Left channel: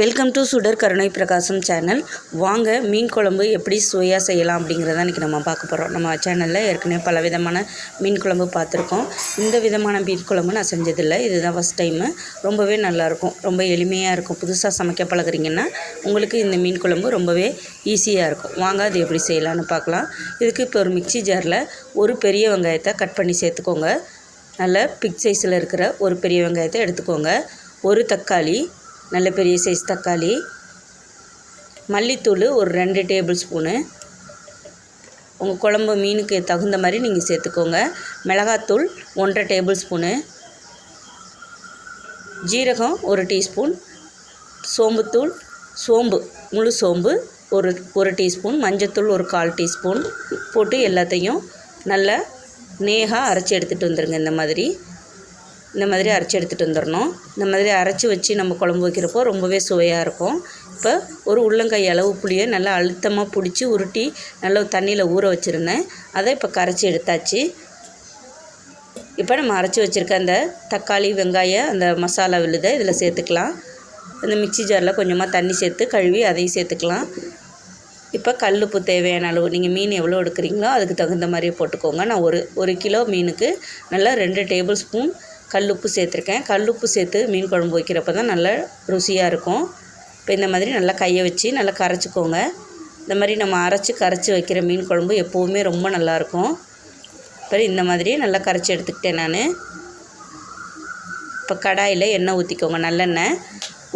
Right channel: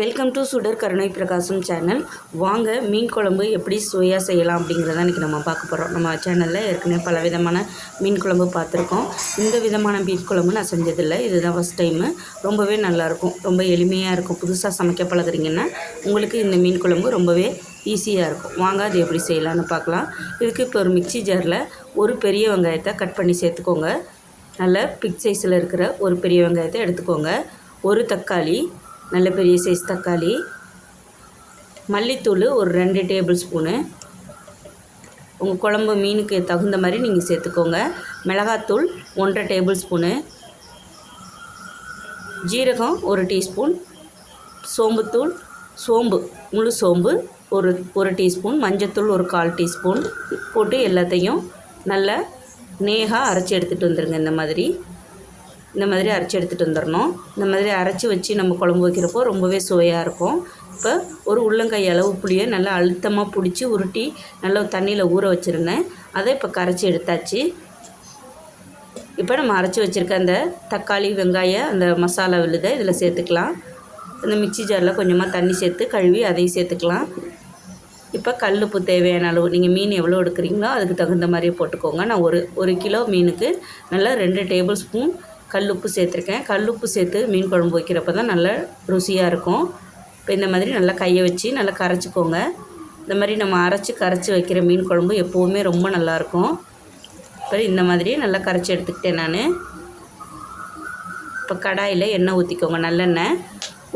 Welcome to சுடர் கருணை பிரகாசம் சேனல். வாங்க மீன் குழம்பு எப்படி சுவையாக செய்யலாம் அப்படிங்கிறத இன்றைக்கி நம்ம பார்க்க போகிறோம் நம்ம சேனலில் ஏற்கனவே பல விதமான மீன் குழம்பு பார்த்துருக்கோம். இந்த விதமான மீன் குழம்பு நான் செஞ்சதில்லை. இதுதான் ஃபஸ்ட் டைமு ரொம்பவே நல்லாயிருக்கும். ரொம்ப எளிமையாக இருக்கும். புதுசாக சமைக்க பழகுறீங்கன்னா உங்களுக்கு இந்த மீன் குழம்பு ரொம்பவே ஈஸியாக இருக்கும். வாங்க அது எப்படி செய்யலாம்னு பார்க்கலாம். இதுக்கு இப்போ ஒரு மிக்ஸி ஜாரில் ஒரு பெரிய வெங்காயத்தை கட் பண்ணி சேர்த்துக்கோங்க. நல்ல பிக் சைஸில் இருக்கிற ஒரு பெரிய வெங்காயத்தை எடுத்துக்கோங்க. ஒரு தக்காளி நல்ல பெரிய சைஸ் தக்காளி. மல்லித்தூள் ஒரு ரெண்டு டேபிள் ஸ்பூனு உங்கள் குழம்பு மீனுக்கு தகுந்த மாதிரி நீங்கள் சேர்த்துக்கோங்க. மிளகாத்தூள் ஒன்றரை டேபிள் ஸ்பூனு ஜீரகம் ஒரு டீஸ்பூன் சோம்புத்தூள் சோம்பு முழு சோம்பு ஒரு ஒரு டீஸ்பூன் மஞ்சத்தூள் ஒரு கால் டீஸ்பூன் போட்டு எல்லாத்தையும் நல்லா நேகாக அரைச்சி எடுத்துகிட்டு வந்துடுங்க இந்த மாதிரி. இந்த மாதிரி அரைச்சி எடுத்துகிட்டு வந்துடணும். இந்த மாதிரி அரைச்சி வச்சு நம்ம குழம்பு வைக்கிறப்போ ரொம்பவே சுவையாக இருக்கும். இப்போ ஒரு உள்ளங்கை அளவு புளியை நல்லா அழுத்தமாக பிடிச்சி உருட்டி நல்லா தண்ணியில் ஊற வச்சுருந்தேன். அதை இப்போ கரைச்சி எடுத்தாச்சு. இப்போ நம்ம அரைச்சி வச்சுருக்க அந்த தக்காளி வெங்காயம் அந்த மசாலா விழுதை இதில் சேர்த்துக்கலாம். இந்த மிக்சி ஜாரில் கொஞ்சமாக தண்ணி சேர்த்து கழுவி அதையும் சேர்த்துக்கலாம். இப்போ கல்லுப்பு தேவையான அளவு நீங்கள் மீன் எவ்வளோ எடுக்கிறீங்களோ அதுக்கு தகுந்த மாதிரி போட்டுக்கோங்க. நான் ஒரு ஒரு கிலோ மீனுக்கு நல்லா ரெண்டு டேபிள் ஸ்பூன் கல்லுப்பு சேர்த்துருக்கேன். கல்லுப்பு சேர்த்து மீன் குழம்பு வைக்கிறப்ப தான் நல்லா ருசியாக இருக்கும். இப்போ இந்த மாதிரி நல்லா கையை வச்சு நல்லா கரைச்சிக்கோங்க. இந்த மாதிரி நம்ம அரைச்சி கரைச்சி வைக்கிற மீன் குழம்பு எப்போவுமே ரொம்ப நல்லாயிருக்கும் இப்போ இந்த மாதிரி நல்லா கரைச்சி எடுத்துக்கிட்டேன் நான். இப்போ கடாயில் எண்ணெய் ஊற்றிக்கோங்க நல்லெண்ணெய்.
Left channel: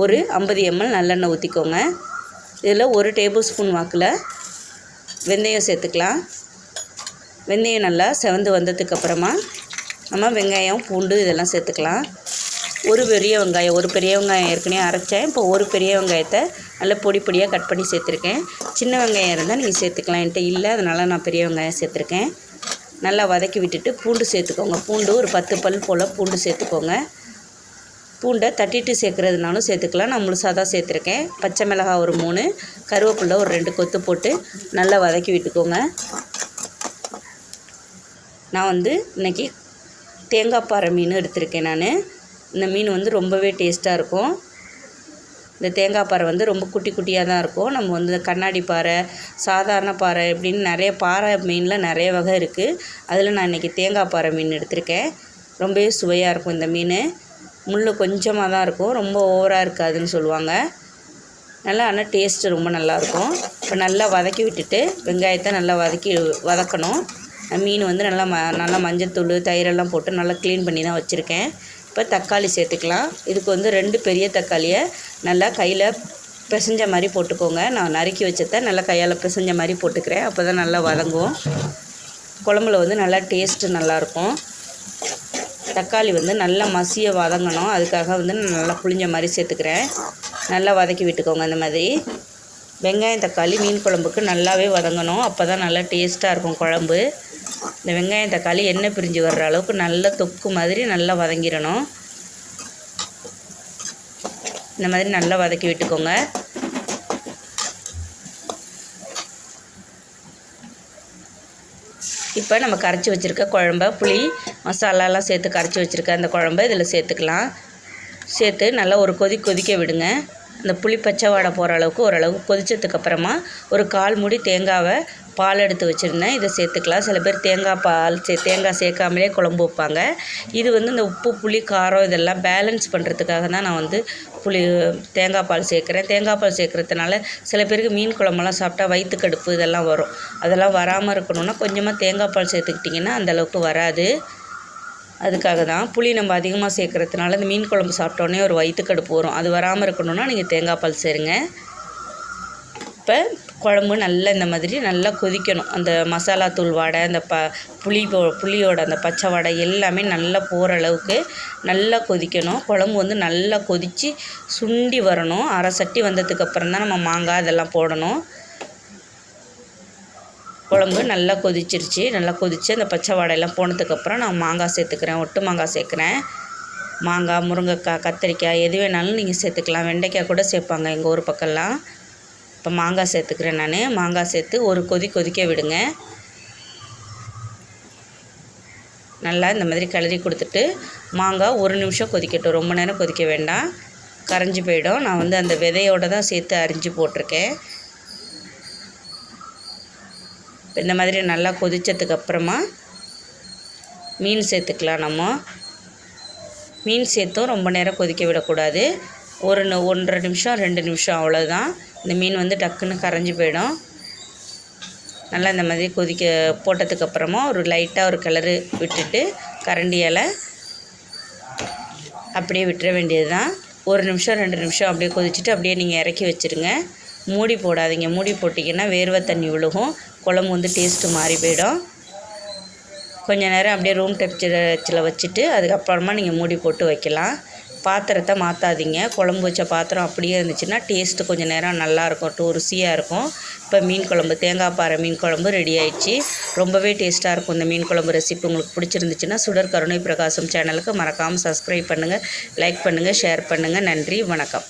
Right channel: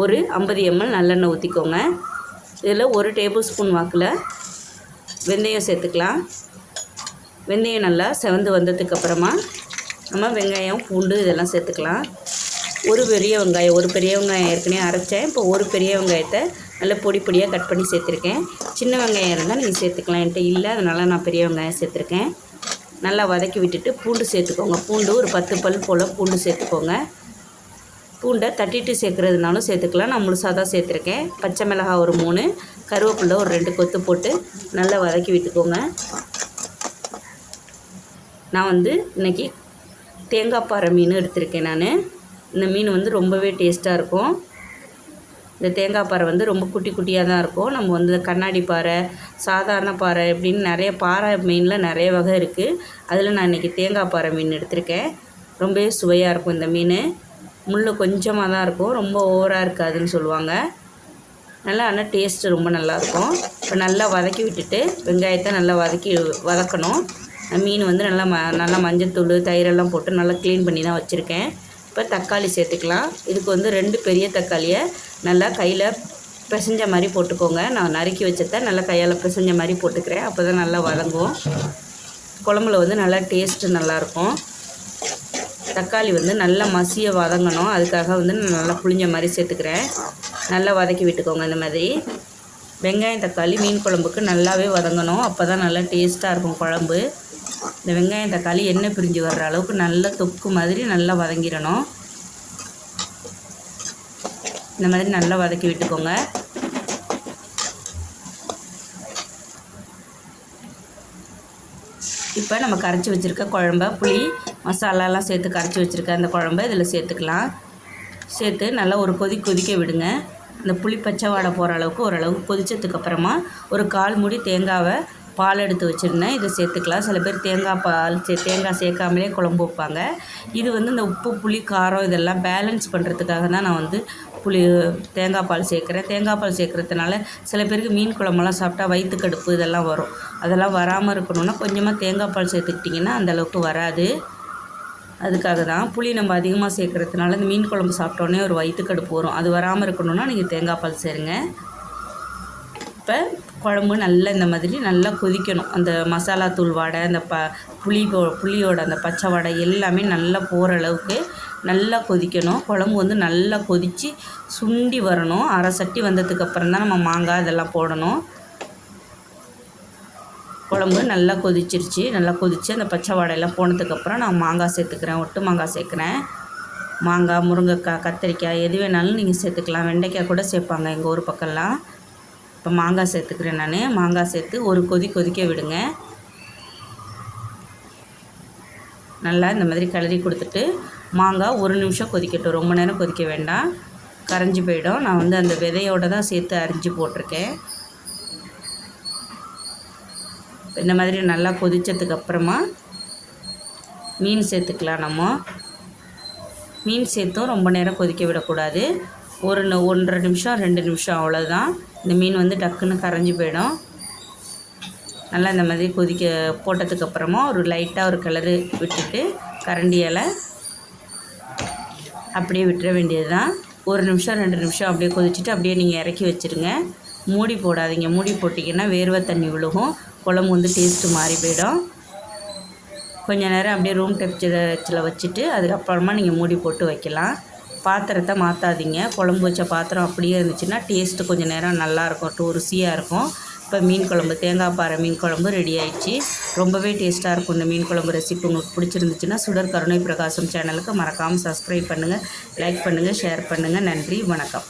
ஒரு ஐம்பது எம்எல் நல்லெண்ணெய் ஊற்றிக்கோங்க இதில் ஒரு டேபிள் ஸ்பூன் வாக்கில் வெந்தயம் சேர்த்துக்கலாம். வெந்தயம் நல்லா செவந்து வந்ததுக்கப்புறமா நம்ம வெங்காயம் பூண்டு இதெல்லாம் சேர்த்துக்கலாம். ஒரு பெரிய வெங்காயம் ஒரு பெரிய வெங்காயம் ஏற்கனவே அரைச்சேன். இப்போ ஒரு பெரிய வெங்காயத்தை நல்லா பொடி பொடியாக கட் பண்ணி சேர்த்துருக்கேன். சின்ன வெங்காயம் இருந்தால் நீங்கள் சேர்த்துக்கலாம். என்கிட்ட இல்லை அதனால் நான் பெரிய வெங்காயம் சேர்த்துருக்கேன். நல்லா வதக்கி விட்டுட்டு பூண்டு சேர்த்துக்கோங்க. பூண்டு ஒரு பத்து பல் போல் பூண்டு சேர்த்துக்கோங்க. பூண்டை தட்டிட்டு சேர்க்குறதுனாலும் சேர்த்துக்கலாம். நான் முழுசாக தான் சேர்த்துருக்கேன். பச்சை மிளகாய் ஒரு மூணு கருவேப்பிலை ஒரு ரெண்டு கொத்து போட்டு நல்லா வதக்கி விட்டுக்கோங்க. நான் வந்து இன்றைக்கி தேங்காய் பாறை மீன் எடுத்திருக்கேன் நான். இந்த மீன் வந்து ரொம்பவே டேஸ்ட்டாக இருக்கும். இந்த தேங்காய் பாறை வந்து ரொம்ப குட்டி குட்டியாக தான் இருக்கும். நம்ம வந்து கண்ணாடி பாறை சாதாரண பாறை இப்படின்னு நிறைய பாறை மீனில் நிறைய வகை இருக்குது அதில் நான் இன்றைக்கி தேங்காய் பாறை மீன் எடுத்திருக்கேன். ரொம்பவே சுவையாக இருக்கும் இந்த மீன். முள் கொஞ்சமாக தான் இருக்கும். ரொம்ப ஓவராக இருக்காதுன்னு சொல்லுவாங்க. நல்லா ஆனால் டேஸ்ட்டு ரொம்ப நல்லாயிருக்கும் இப்போ நல்லா வதக்கி விட்டுட்டு வெங்காயத்தை நல்லா வதக்கி வதக்கணும். மீன் வந்து நல்லா ம நல்லா மஞ்சத்தூள் தயிரெல்லாம் போட்டு நல்லா க்ளீன் பண்ணி தான் வச்சுருக்கேன். இப்போ தக்காளி சேர்த்துக்கலாம். இதுக்கு வந்து ரெண்டு பெரிய தக்காளியை நல்லா கையில் பிசைஞ்ச மாதிரி போட்டுக்கோங்க. நான் நறுக்கி வச்சத நல்லா கையால் பிசைஞ்ச மாதிரி போட்டுக்கிறேன். அப்போ தான் நல்லா வதங்கும். குழம்புல வந்து நல்லா டேஸ்ட்டு நல்லாயிருக்கும் தக்காளி வந்து நல்லா மசிய வதங்கணும். அதுக்காக வந்து நான் நல்லா புளிஞ்ச மாதிரி சேர்த்துக்கிறேன். நல்லா வதக்கி விட்டுக்கோங்க அந்த மாதிரி. வெங்காயம் தக்காளி மீன் குழம்புக்கு நல்லாவே வதங்கணும். அப்போ தான் நல்லா டேஸ்ட்டாக இருக்கும் குழம்பு. இந்த வெங்காயம் தக்காளி எண்ணெய் பிரிஞ்சு வர்ற அளவுக்கு நல்ல தொக்கு மாதிரி நல்லா வதங்கிடணும். இந்த மாதிரி நல்லா வதக்கி விட்டுக்கோங்க. இப்போ நம்ம கரைச்சி வச்சுருக்க குழம்ப புளி மசாலாலாம் சேர்த்து கரைச்சி வச்சுருக்க அந்த குழம்ப இதில் சேர்த்துக்கலாம். சேர்த்து நல்லா ஒரு கொதி கொதிக்க விடுங்க. அந்த புளி பச்சை வாடை போகிற அளவுக்கு ஓரளவுக்கு கொதிச்சதுக்கப்புறமா ஒரு கால் மூடி தேங்காவை பால் எடுத்து வச்சுருந்தேன். இதை சேர்த்துக்கலாம். சில பேர் தேங்காய் பால் சே தேங்காய் சேர்க்காமலே குழம்பு வைப்பாங்க. இது வந்து இந்த உப்பு புளி காரம் இதெல்லாம் பேலன்ஸ் பண்ணுறதுக்காக தான் நான் வந்து புளி தேங்காய் பால் சேர்க்குறேன். தேங்காய் பால் சேர்க்குறதுனால சில பேருக்கு மீன் குழம்பெல்லாம் சாப்பிட்டா வயிற்றுக்கடுப்பு இதெல்லாம் வரும். அதெல்லாம் வராமல் இருக்கணும்னா கொஞ்சமாக தேங்காய் பால் சேர்த்துக்கிட்டிங்கன்னா அந்தளவுக்கு வராது. அதுக்காக தான் புளி நம்ம அதிகமாக சேர்க்குறதுனால இந்த மீன் குழம்பு சாப்பிட்டோன்னே ஒரு வயிற்றுக்கடுப்பு வரும். அது வராமல் இருக்கணும்னா நீங்கள் தேங்காய் பால் சேருங்க. இப்போ குழம்பு நல்லா இந்த மாதிரி நல்லா கொதிக்கணும். அந்த மசாலா தூள் வாடை அந்த ப புளி புளியோட அந்த பச்சை வாடை எல்லாமே நல்லா போகிற அளவுக்கு நல்லா கொதிக்கணும். குழம்பு வந்து நல்லா கொதித்து சுண்டி வரணும். அரை சட்டி வந்ததுக்கப்புறம் தான் நம்ம மாங்காய் இதெல்லாம் போடணும். குழம்பு நல்லா கொதிச்சிருச்சு. நல்லா கொதித்து அந்த பச்சை வாடையெல்லாம் போனதுக்கப்புறம் நான் மாங்காய் சேர்த்துக்கிறேன். ஒட்டு மாங்காய் சேர்க்குறேன். மாங்காய் முருங்கைக்காய் கத்திரிக்காய் எது வேணாலும் நீங்கள் சேர்த்துக்கலாம். வெண்டைக்காய் கூட சேர்ப்பாங்க எங்கள் ஊர் பக்கம்லாம். இப்போ மாங்காய் சேர்த்துக்கிறேன் நான். மாங்காய் சேர்த்து ஒரு கொதி கொதிக்க விடுங்க. நல்லா இந்த மாதிரி கிளறி கொடுத்துட்டு மாங்காய் ஒரு நிமிஷம் கொதிக்கட்டும். ரொம்ப நேரம் கொதிக்க வேண்டாம். கரைஞ்சி போயிடும். நான் வந்து அந்த விதையோடு தான் சேர்த்து அரிஞ்சு போட்டிருக்கேன். இந்த மாதிரி நல்லா கொதித்ததுக்கு அப்புறமா மீன் சேர்த்துக்கலாம் நம்ம. மீன் சேர்த்தும் ரொம்ப நேரம் கொதிக்க விடக்கூடாது. ஒரு ஒன்றரை நிமிஷம் ரெண்டு நிமிஷம் அவ்வளோதான் இந்த மீன் வந்து டக்குன்னு கரைஞ்சி போயிடும். நல்லா இந்த மாதிரி கொதிக்க போட்டதுக்கப்புறமா ஒரு லைட்டாக ஒரு கிளறு விட்டுட்டு கரண்டியால் அப்படியே விட்டுற வேண்டியது தான் ஒரு நிமிஷம் ரெண்டு நிமிஷம் அப்படியே கொதிச்சுட்டு அப்படியே நீங்கள் இறக்கி வச்சுருங்க. மூடி போடாதீங்க. மூடி போட்டிங்கன்னா வேர்வை தண்ணி விழுகும். குழம்பு வந்து டேஸ்ட்டு மாறி போயிடும். கொஞ்சம் நேரம் அப்படியே ரூம் டெம்பரேச்சரில் வச்சுட்டு அதுக்கப்புறமா நீங்கள் மூடி போட்டு வைக்கலாம். பாத்திரத்தை மாற்றாதீங்க குழம்பு வச்ச பாத்திரம் அப்படியே இருந்துச்சுன்னா டேஸ்ட்டு கொஞ்சம் நேரம் நல்லாயிருக்கும் ருசியாக இருக்கும். இப்போ மீன் குழம்பு தேங்காய் பாறை மீன் குழம்பு ரெடி ஆயிடுச்சு. ரொம்பவே டேஸ்ட்டாக இருக்கும் இந்த மீன் குழம்பு ரெசிபி உங்களுக்கு பிடிச்சிருந்துச்சுன்னா சுடர் கருணை பிரகாசம் சேனலுக்கு மறக்காமல் சப்ஸ்கிரைப் பண்ணுங்கள் லைக் பண்ணுங்கள் ஷேர் பண்ணுங்கள் நன்றி வணக்கம்.